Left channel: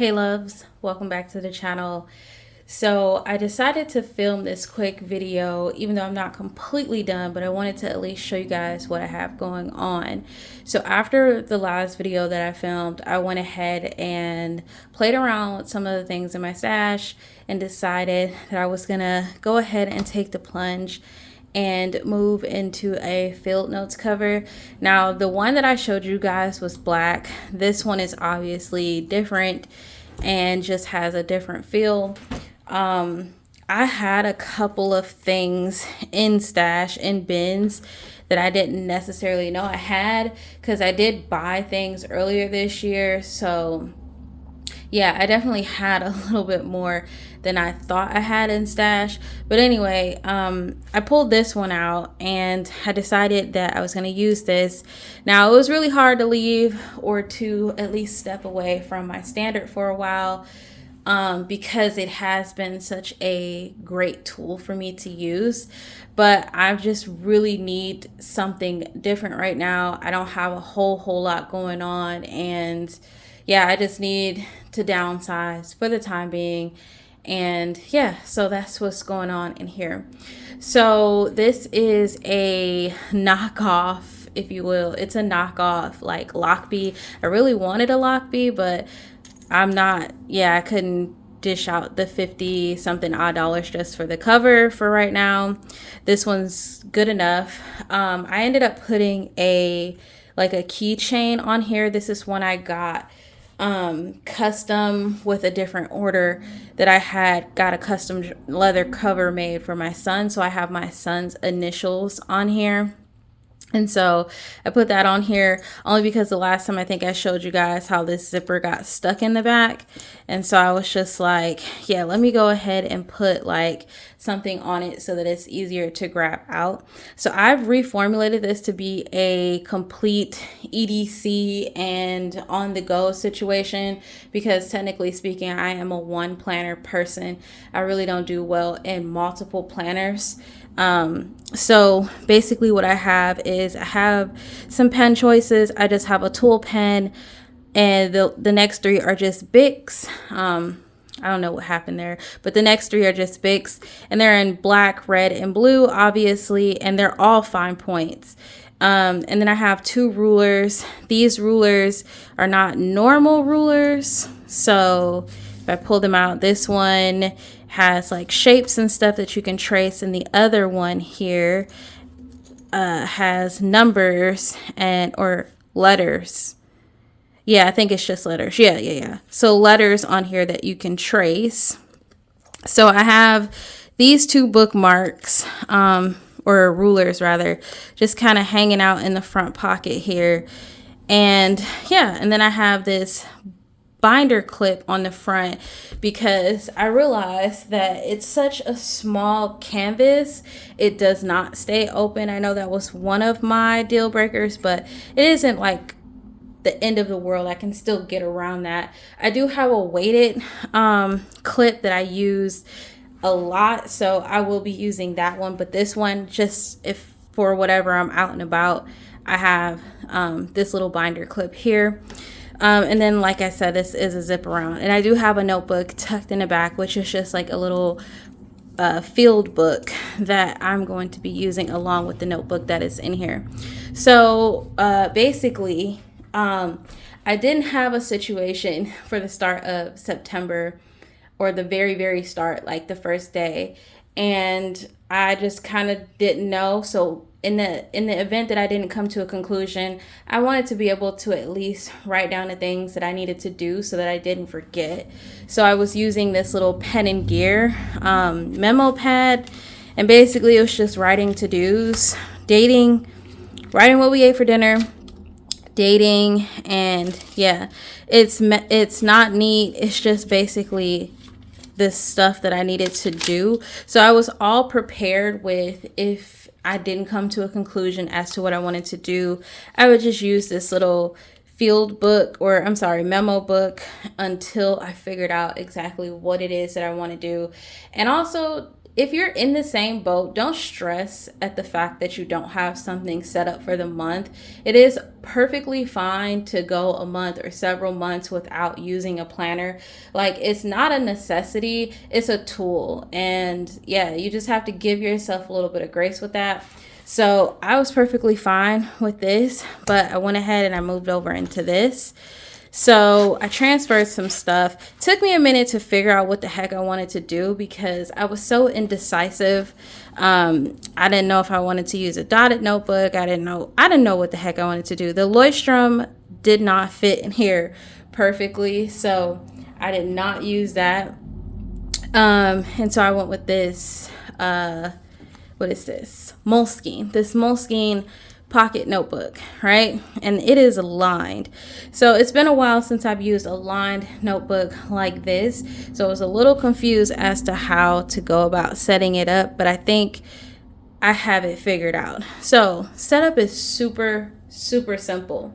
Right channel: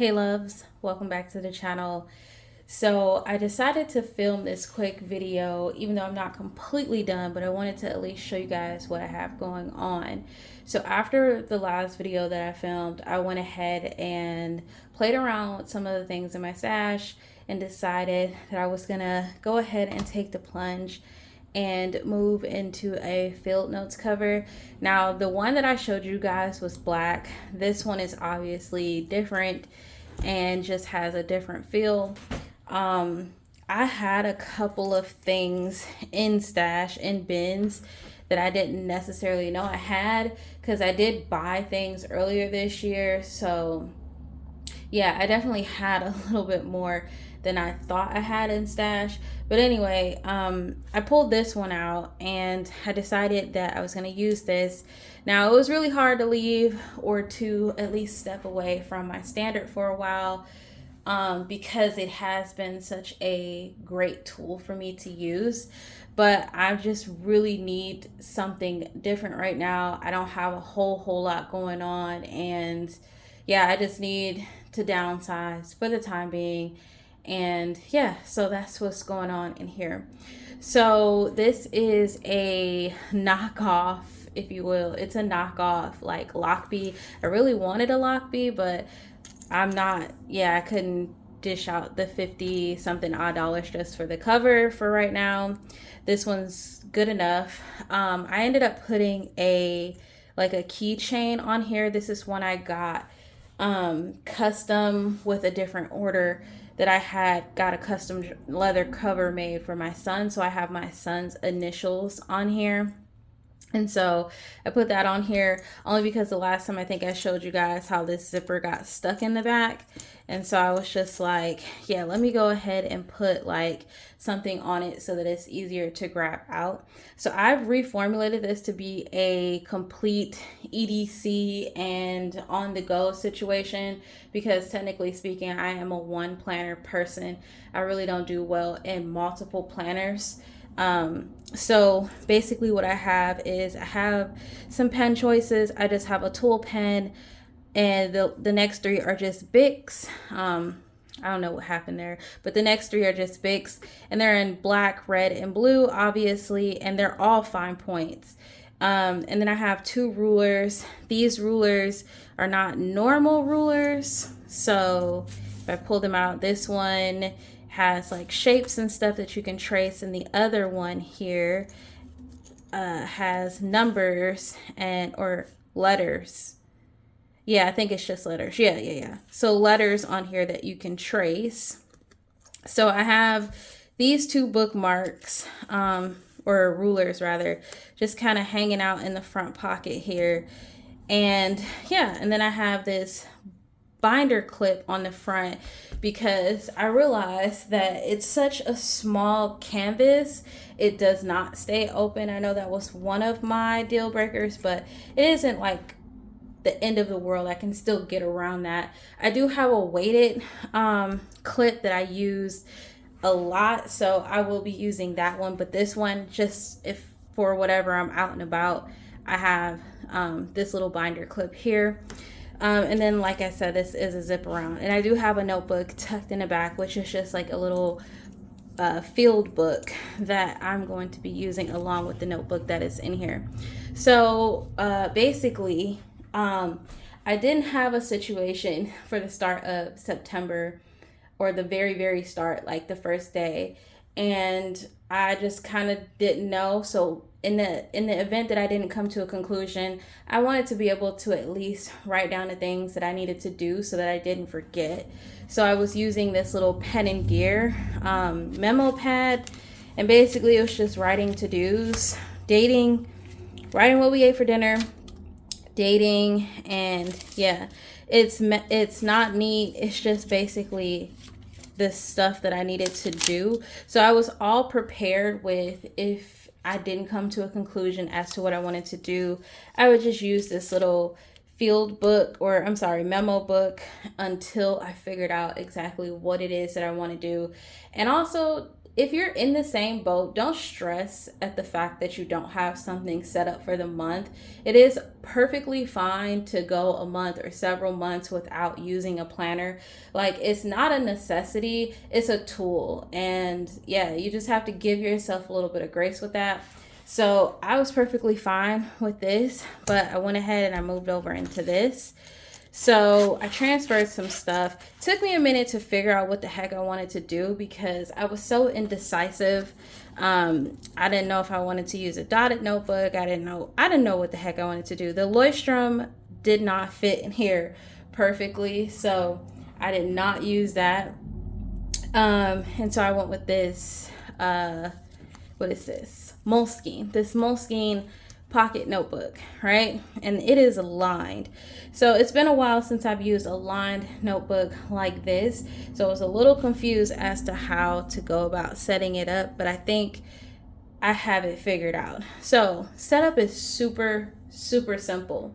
Hey loves, welcome back to the channel. So I decided to film this quick video, even though I'm not completely done, but I wanted to at least show you guys what I have going on. So after the last video that I filmed, I went ahead and played around with some of the things in my stash and decided that I was gonna go ahead and take the plunge and move into a field notes cover. Now the one that I showed you guys was black. This one is obviously different and just has a different feel. I had a couple of things in stash in bins that I didn't necessarily know I had because I did buy things earlier this year. So yeah, I definitely had a little bit more than I thought I had in stash. But anyway, I pulled this one out and I decided that I was going to use this. Now, it was really hard to leave or to at least step away from my standard for a while because it has been such a great tool for me to use. But I just really need something different right now. I don't have a whole lot going on, and yeah, I just need to downsize for the time being. And yeah, so that's what's going on in here. So this is a knockoff, if you will. It's a knockoff like Lockbee. I really wanted a Lockbee, but I couldn't dish out the 50 something odd dollars just for the cover for right now. This one's good enough. I ended up putting a keychain on here. This is one I got custom with a different order that I had got a custom leather cover made for my son. So I have my son's initials on here. And so I put that on here only because the last time I think I showed you guys how this zipper got stuck in the back. And so I was just like, yeah, let me go ahead and put like something on it so that it's easier to grab out. So I've reformulated this to be a complete EDC and on the go situation because technically speaking, I am a one planner person. I really don't do well in multiple planners. So basically what I have is I have some pen choices. I just have a tool pen and the next three are just Bics. I don't know what happened there, but the next three are just Bics and they're in black, red, and blue, obviously, and they're all fine points. And then I have two rulers. These rulers are not normal rulers. So if I pull them out, this one has like shapes and stuff that you can trace, and the other one here has numbers and or letters. Yeah, I think it's just letters. Yeah. So letters on here that you can trace. So I have these two bookmarks or rulers rather, just kind of hanging out in the front pocket here. And yeah, and then I have this binder clip on the front because I realized that it's such a small canvas, it does not stay open. I know that was one of my deal breakers, but it isn't like the end of the world. I can still get around that. I do have a weighted clip that I use a lot, so I will be using that one, but this one, just if for whatever I'm out and about, I have this little binder clip here. And then, like I said, this is a zip around. And I do have a notebook tucked in the back, which is just like a little field book that I'm going to be using along with the notebook that is in here. So basically, I didn't have a situation for the start of September or the very start, like the first day. And I just kind of didn't know. So in the event that I didn't come to a conclusion, I wanted to be able to at least write down the things that I needed to do so that I didn't forget. So I was using this little pen and gear memo pad, and basically it was just writing to-dos, dating, writing what we ate for dinner, dating, and yeah, it's not neat. It's just basically this stuff that I needed to do. So I was all prepared with, if I didn't come to a conclusion as to what I wanted to do, I would just use this little memo book until I figured out exactly what it is that I want to do. And also, if you're in the same boat, don't stress at the fact that you don't have something set up for the month. It is perfectly fine to go a month or several months without using a planner. Like, it's not a necessity, it's a tool. And yeah, you just have to give yourself a little bit of grace with that. So I was perfectly fine with this, but I went ahead and I moved over into this. So I transferred some stuff. Took me a minute to figure out what the heck I wanted to do because I was so indecisive. I didn't know if I wanted to use a dotted notebook. I didn't know what the heck I wanted to do. The Leuchtturm did not fit in here perfectly, so I did not use that. And so I went with this. What is this? Moleskine. This Moleskine pocket notebook, right? And it is lined. So it's been a while since I've used a lined notebook like this. So I was a little confused as to how to go about setting it up, but I think I have it figured out. So setup is super, super simple.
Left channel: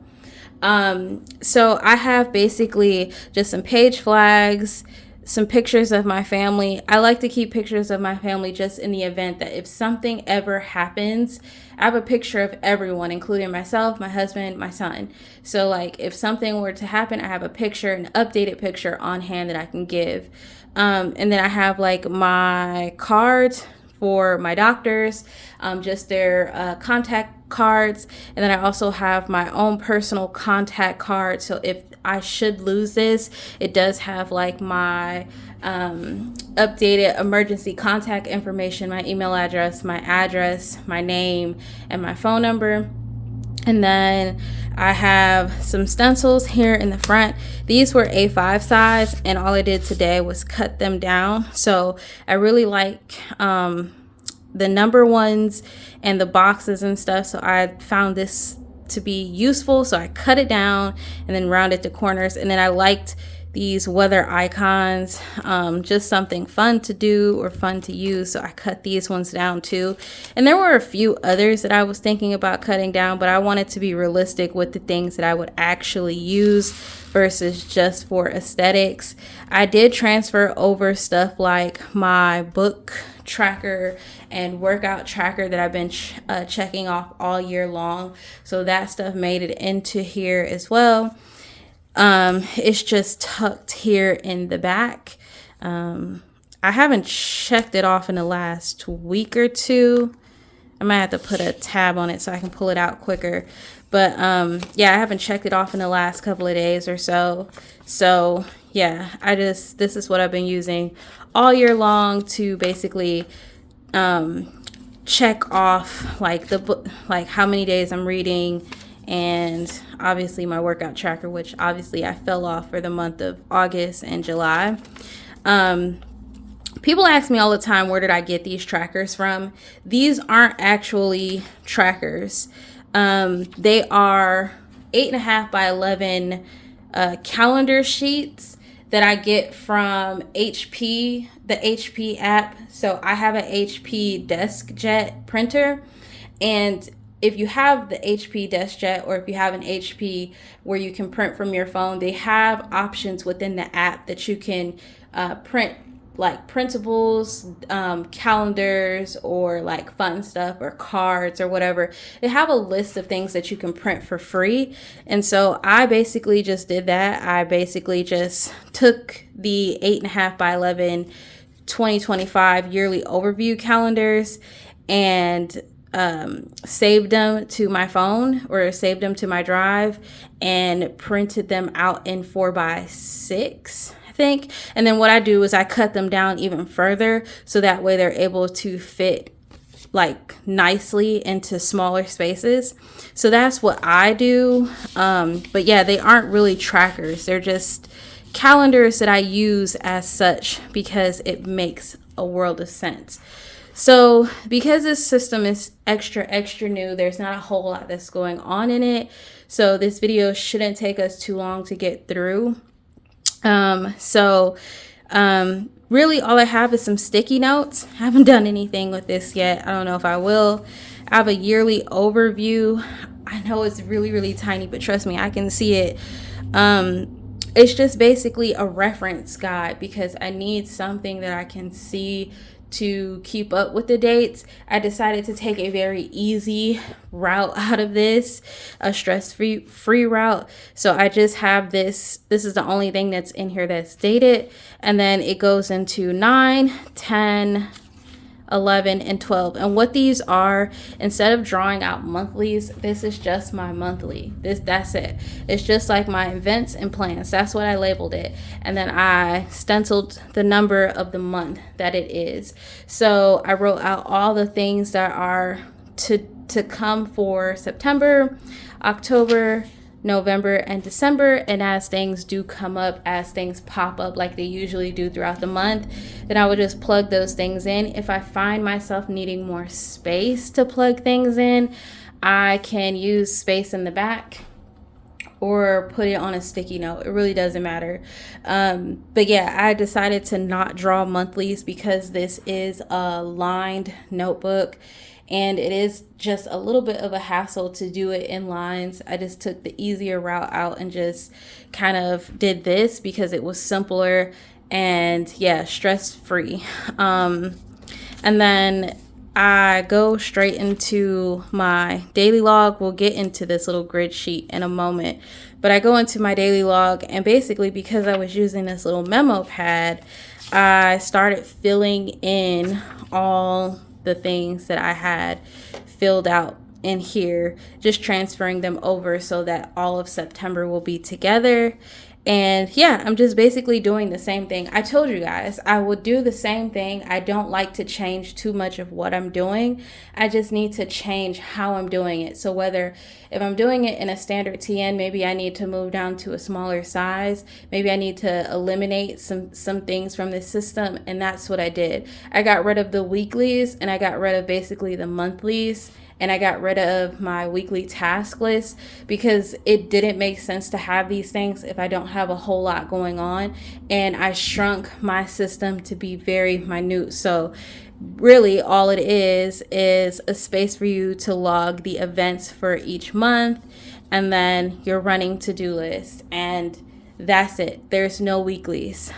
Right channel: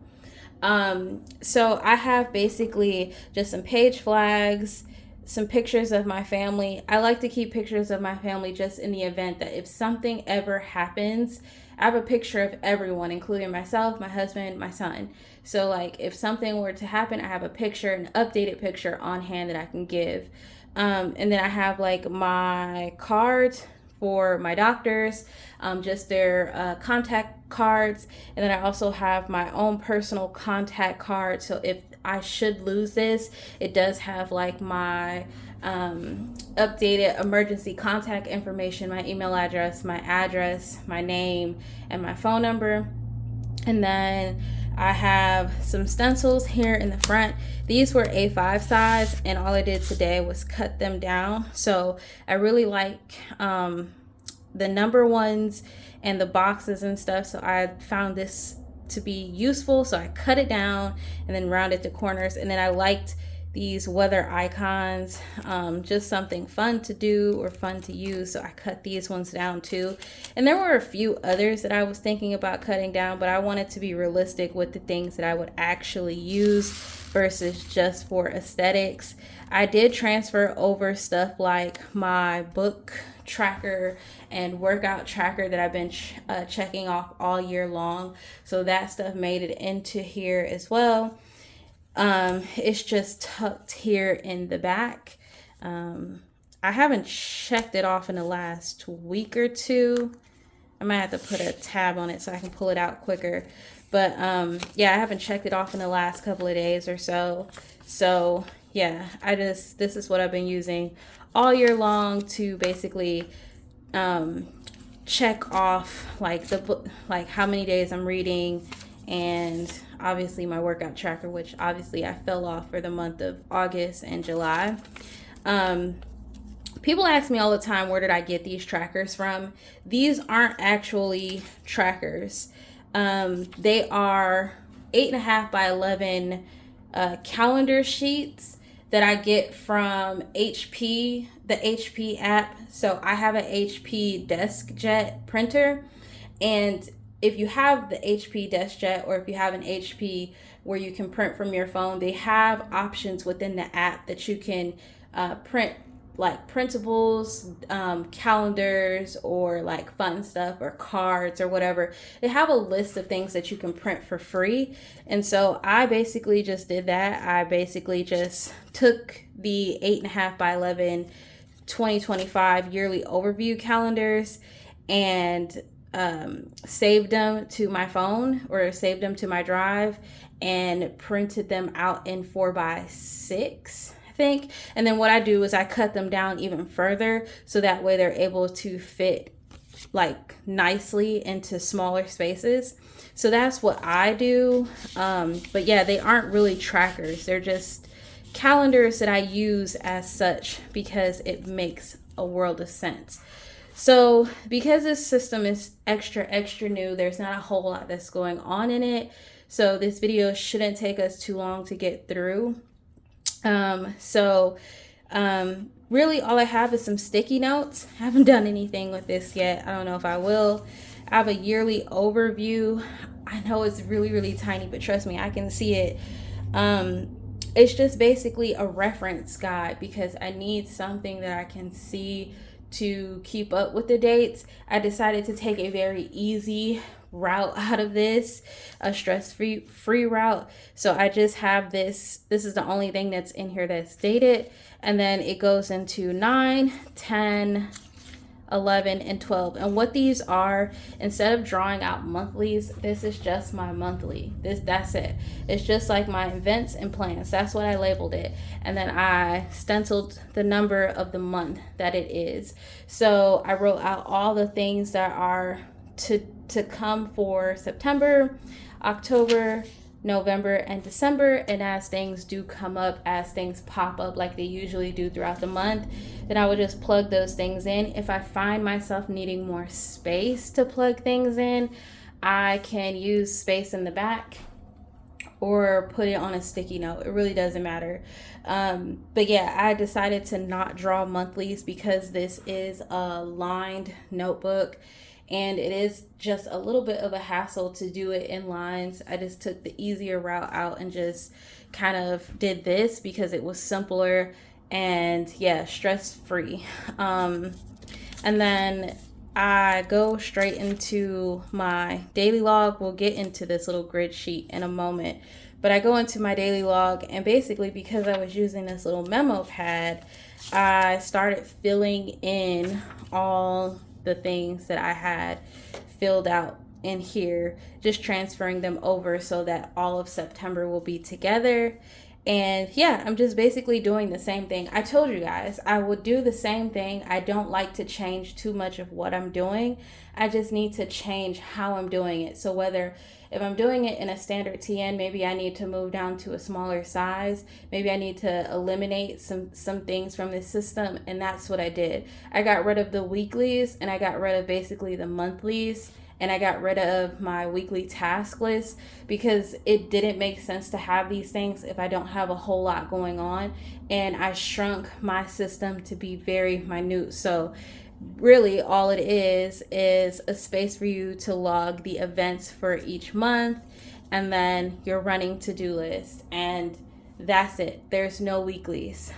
So I have basically just some page flags, some pictures of my family. I like to keep pictures of my family just in the event that if something ever happens, I have a picture of everyone, including myself, my husband, my son. So like if something were to happen, I have a picture, an updated picture on hand that I can give. And then I have like my cards for my doctors, just their contact cards. And then I also have my own personal contact card. So if I should lose this, it does have like my updated emergency contact information, my email address, my name, and my phone number. And then I have some stencils here in the front. These were A5 size, and all I did today was cut them down. So I really like the number ones and the boxes and stuff. So I found this to be useful. So I cut it down and then rounded the corners. And then I liked these weather icons, just something fun to do or fun to use. So I cut these ones down too. And there were a few others that I was thinking about cutting down, but I wanted to be realistic with the things that I would actually use versus just for aesthetics. I did transfer over stuff like my book tracker and workout tracker that I've been checking off all year long. So that stuff made it into here as well. It's just tucked here in the back. I haven't checked it off in the last week or two. I might have to put a tab on it so I can pull it out quicker. But yeah, I haven't checked it off in the last couple of days or so. So yeah, this is what I've been using all year long to basically check off like the book, like how many days I'm reading, and obviously my workout tracker, which obviously I fell off for the month of August and July. People ask me all the time, where did I get these trackers from? These aren't actually trackers. They are 8.5 by 11 calendar sheets that I get from HP, the HP app. So I have an HP DeskJet printer, and if you have the HP DeskJet, or if you have an HP where you can print from your phone, they have options within the app that you can print like printables, calendars, or like fun stuff, or cards or whatever. They have a list of things that you can print for free. And so I basically just did that. I basically just took the 8.5 by 11 2025 yearly overview calendars and saved them to my phone, or saved them to my drive, and printed them out in 4x6, I think. And then what I do is I cut them down even further, so that way they're able to fit like nicely into smaller spaces. So that's what I do. But yeah, they aren't really trackers. They're just calendars that I use as such because it makes a world of sense. So because this system is extra new, there's not a whole lot that's going on in it. So this video shouldn't take us too long to get through. Really all I have is some sticky notes. I haven't done anything with this yet. I don't know if I will. I have a yearly overview. I know it's really, really tiny, but trust me, I can see it. It's just basically a reference guide because I need something that I can see to keep up with the dates, I decided to take a very easy route out of this, a stress-free route. So I just have this is the only thing that's in here that's dated, and then it goes into 9, 10, 11, and 12. And what these are, instead of drawing out monthlies, this is just my monthly. That's it. It's just like my events and plans. That's what I labeled it. And then I stenciled the number of the month that it is. So I wrote out all the things that are to come for September, October, November, and December. And as things do come up, as things pop up like they usually do throughout the month, then I would just plug those things in. If I find myself needing more space to plug things in, I can use space in the back or put it on a sticky note. It really doesn't matter. But yeah, I decided to not draw monthlies because this is a lined notebook, and it is just a little bit of a hassle to do it in lines. I just took the easier route out and just kind of did this because it was simpler and yeah, stress-free. And then I go straight into my daily log. We'll get into this little grid sheet in a moment, but I go into my daily log, and basically because I was using this little memo pad, I started filling in all the things that I had filled out in here, just transferring them over so that all of September will be together. And yeah, I'm just basically doing the same thing. I told you guys I would do the same thing. I don't like to change too much of what I'm doing. I just need to change how I'm doing it. So if I'm doing it in a standard TN, maybe I need to move down to a smaller size. Maybe I need to eliminate some things from the system. And that's what I did. I got rid of the weeklies, and I got rid of basically the monthlies. And I got rid of my weekly task list because it didn't make sense to have these things if I don't have a whole lot going on. And I shrunk my system to be very minute. So really all it is a space for you to log the events for each month, and then your running to-do list. And that's it. There's no weeklies.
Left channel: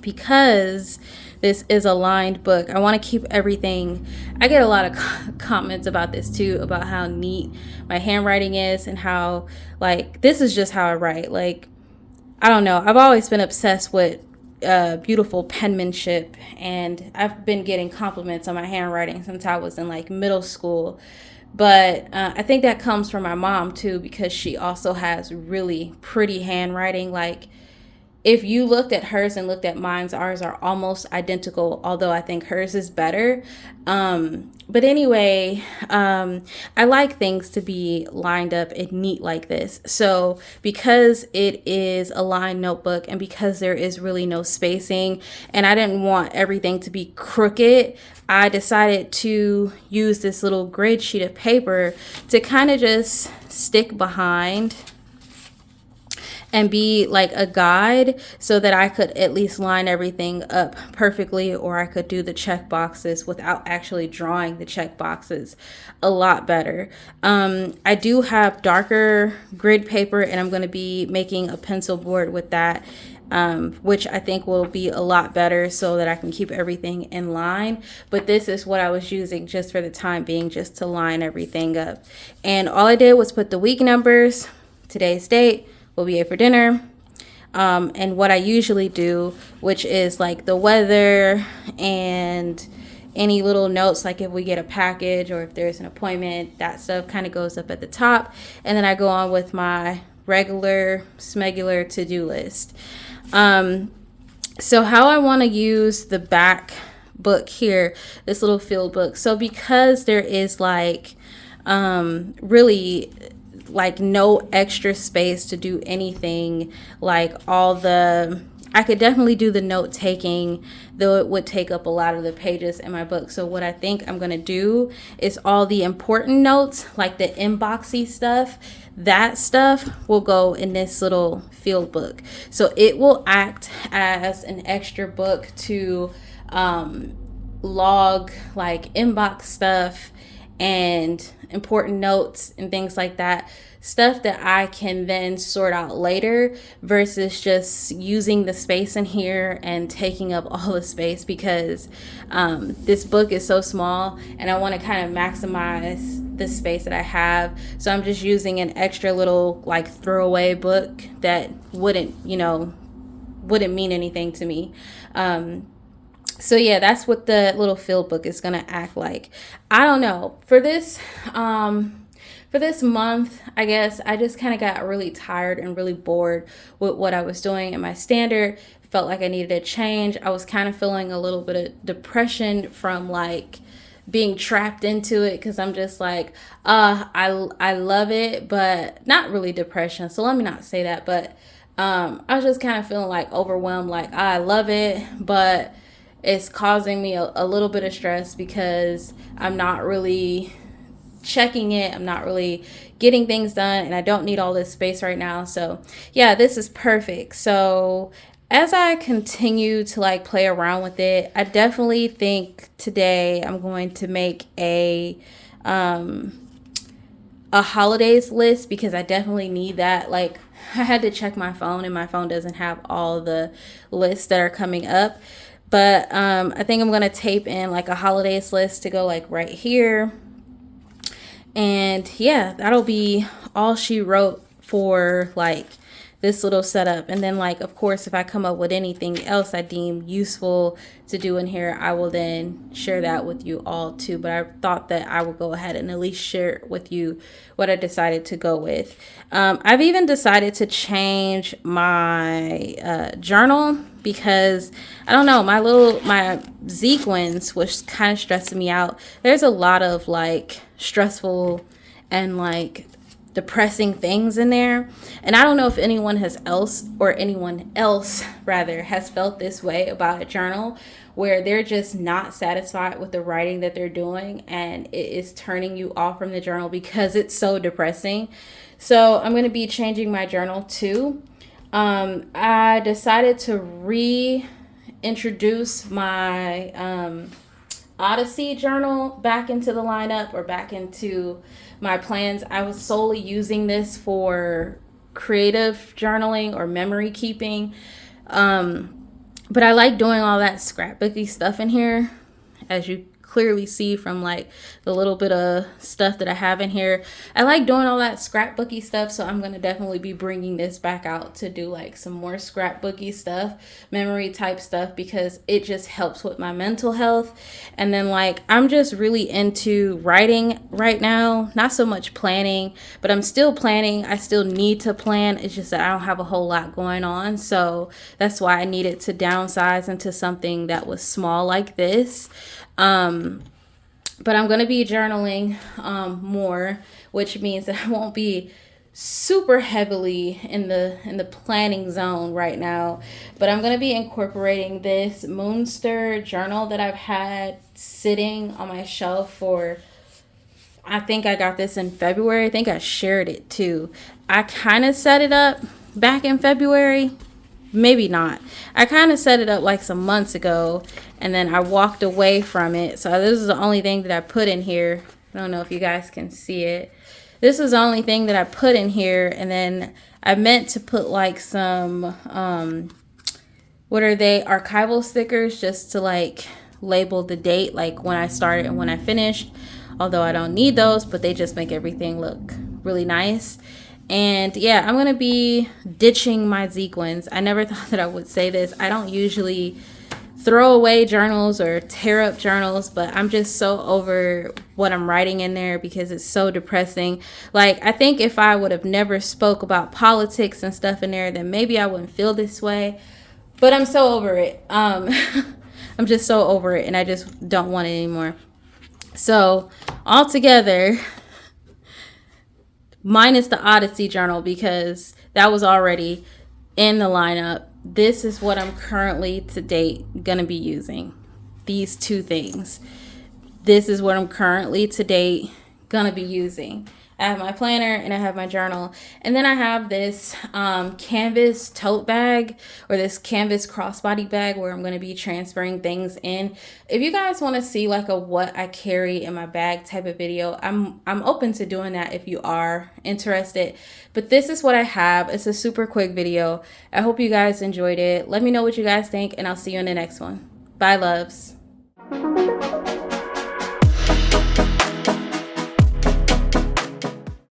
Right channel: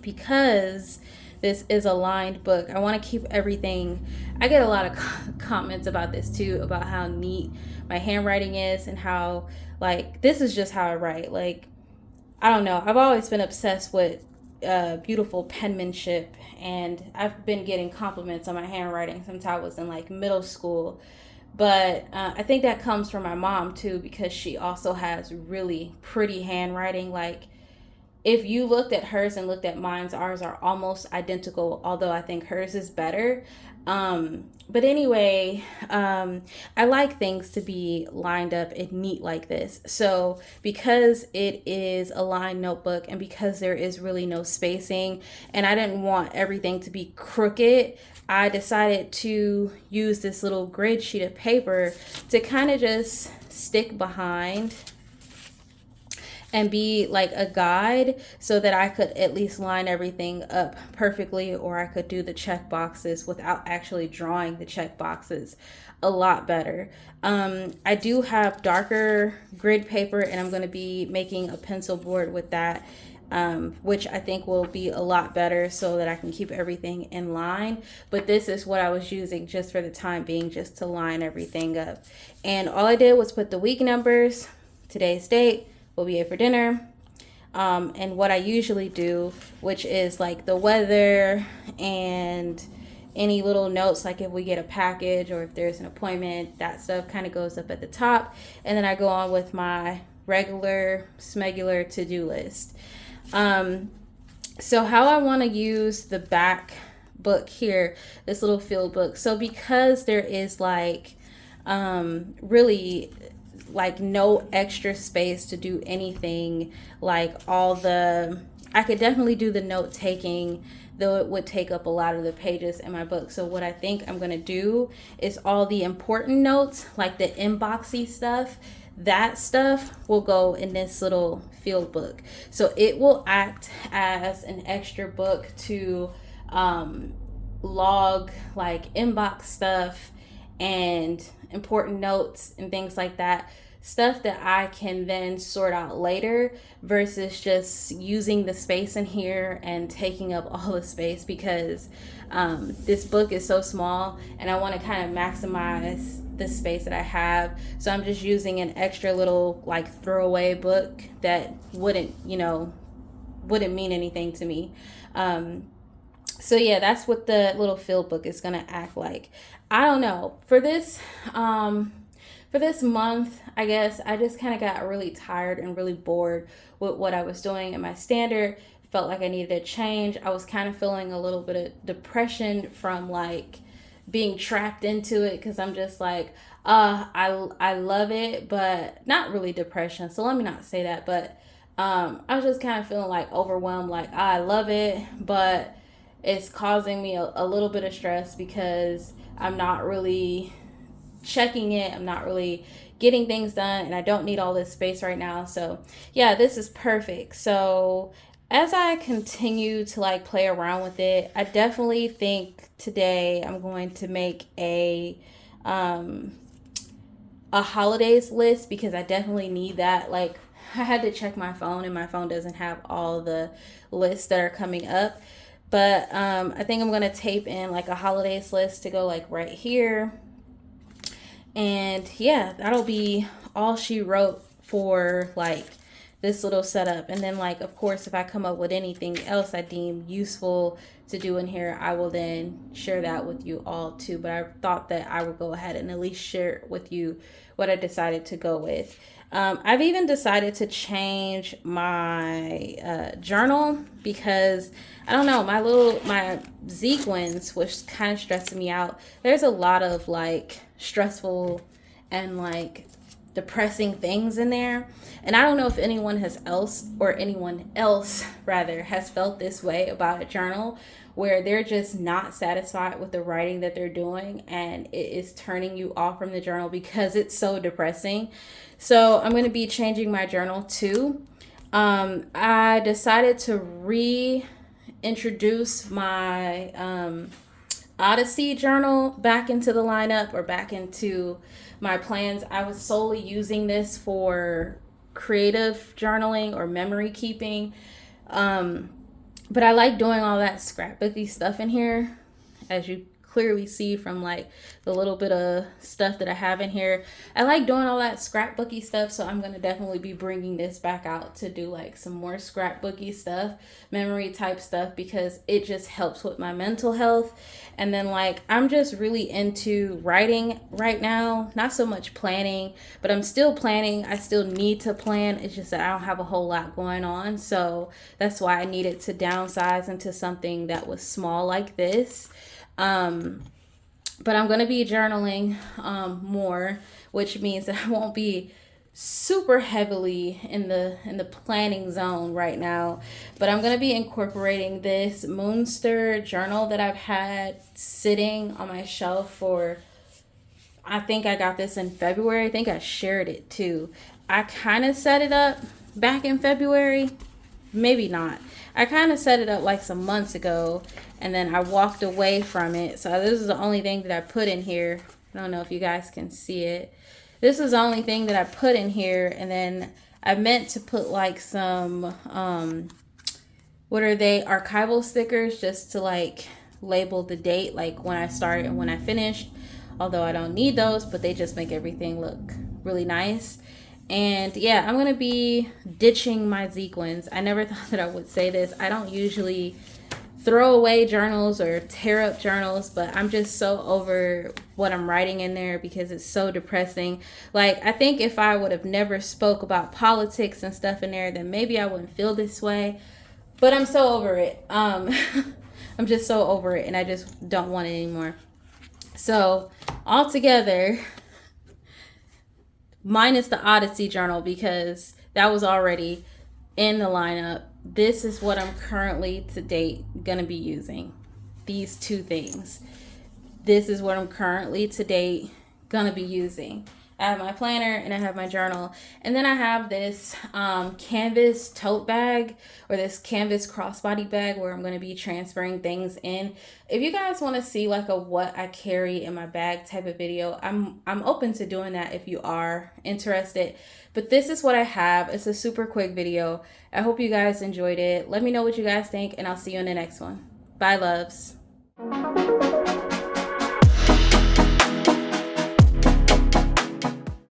Because this is a lined book, I want to keep everything. I get a lot of comments about this too, about how neat my handwriting is and how, like, this is just how I write. Like, I don't know. I've always been obsessed with beautiful penmanship, and I've been getting compliments on my handwriting since I was in like middle school. But I think that comes from my mom too, because she also has really pretty handwriting. Like, if you looked at hers and looked at mine's, ours are almost identical, although I think hers is better. But anyway, I like things to be lined up and neat like this. So because it is a lined notebook, and because there is really no spacing, and I didn't want everything to be crooked, I decided to use this little grid sheet of paper to kind of just stick behind and be like a guide, so that I could at least line everything up perfectly, or I could do the check boxes without actually drawing the check boxes a lot better. I do have darker grid paper, and I'm going to be making a pencil board with that, which I think will be a lot better so that I can keep everything in line. But this is what I was using just for the time being, just to line everything up. And all I did was put the week numbers, today's date, what we ate for dinner, and what I usually do, which is like the weather and any little notes, like if we get a package or if there's an appointment, that stuff kind of goes up at the top. And then I go on with my regular smegular to-do list. So how I want to use the back book here, this little field book. So because there is like really like no extra space to do anything, like I could definitely do the note taking, though it would take up a lot of the pages in my book. So what I think I'm going to do is all the important notes, like the inboxy stuff, that stuff will go in this little field book. So it will act as an extra book to log like inbox stuff and important notes and things like that. stuff that I can then sort out later versus just using the space in here and taking up all the space, because this book is so small and I want to kind of maximize the space that I have. So I'm just using an extra little like throwaway book that wouldn't mean anything to me. So yeah, that's what the little field book is gonna act like. I don't know. For this month, I guess I just kind of got really tired and really bored with what I was doing in my standard. Felt like I needed a change. I was kind of feeling a little bit of depression from like being trapped into it, because I'm just like, I love it, but not really depression. So let me not say that, but I was just kind of feeling like overwhelmed, like I love it, but it's causing me a little bit of stress because I'm not really checking it. I'm not really getting things done, and I don't need all this space right now. So yeah, this is perfect. So as I continue to like play around with it, I definitely think today I'm going to make a holidays list, because I definitely need that. Like, I had to check my phone and my phone doesn't have all the lists that are coming up. But I think I'm going to tape in like a holidays list to go like right here. And yeah, that'll be all she wrote for like this little setup. And then like, of course, if I come up with anything else I deem useful to do in here, I will then share that with you all too. But I thought that I would go ahead and at least share with you what I decided to go with. I've even decided to change my journal, because I don't know, my sequins was kind of stressing me out. There's a lot of like stressful and like depressing things in there, and I don't know if anyone else has felt this way about a journal, where they're just not satisfied with the writing that they're doing and it is turning you off from the journal because it's so depressing. So I'm going to be changing my journal too. I decided to reintroduce my Odyssey journal back into the lineup, or back into my plans. I was solely using this for creative journaling or memory keeping. But I like doing all that scrapbooky stuff in here, as you clearly see from like the little bit of stuff that I have in here. I like doing all that scrapbooky stuff, so I'm going to definitely be bringing this back out to do like some more scrapbooky stuff, memory type stuff, because it just helps with my mental health. And then like, I'm just really into writing right now, not so much planning, but I'm still planning. I still need to plan. It's just that I don't have a whole lot going on, so that's why I needed to downsize into something that was small like this. But I'm going to be journaling more, which means that I won't be super heavily in the planning zone right now. But I'm going to be incorporating this Moonster journal that I've had sitting on my shelf for, I think I got this in February. I think I shared it too. I kind of set it up back in February. Maybe not. I kind of set it up like some months ago, and then I walked away from it. So this is the only thing that I put in here. I don't know if you guys can see it. This was the only thing that I put in here, and then I meant to put like some, what are they, archival stickers, just to like label the date, like when I started and when I finished. Although I don't need those, but they just make everything look really nice. And yeah, I'm going to be ditching my sequins. I never thought that I would say this. I don't usually throw away journals or tear up journals, but I'm just so over what I'm writing in there because it's so depressing. Like, I think if I would have never spoke about politics and stuff in there, then maybe I wouldn't feel this way. But I'm so over it. I'm just so over it, and I just don't want it anymore. So altogether, minus the Odyssey journal, because that was already in the lineup, this is what I'm currently to date going to be using. These two things. This is what I'm currently to date going to be using. I have my planner and I have my journal. And then I have this canvas tote bag, or this canvas crossbody bag, where I'm going to be transferring things in. If you guys want to see like a what I carry in my bag type of video, I'm open to doing that if you are interested. But this is what I have. It's a super quick video. I hope you guys enjoyed it. Let me know what you guys think, and I'll see you in the next one. Bye, loves.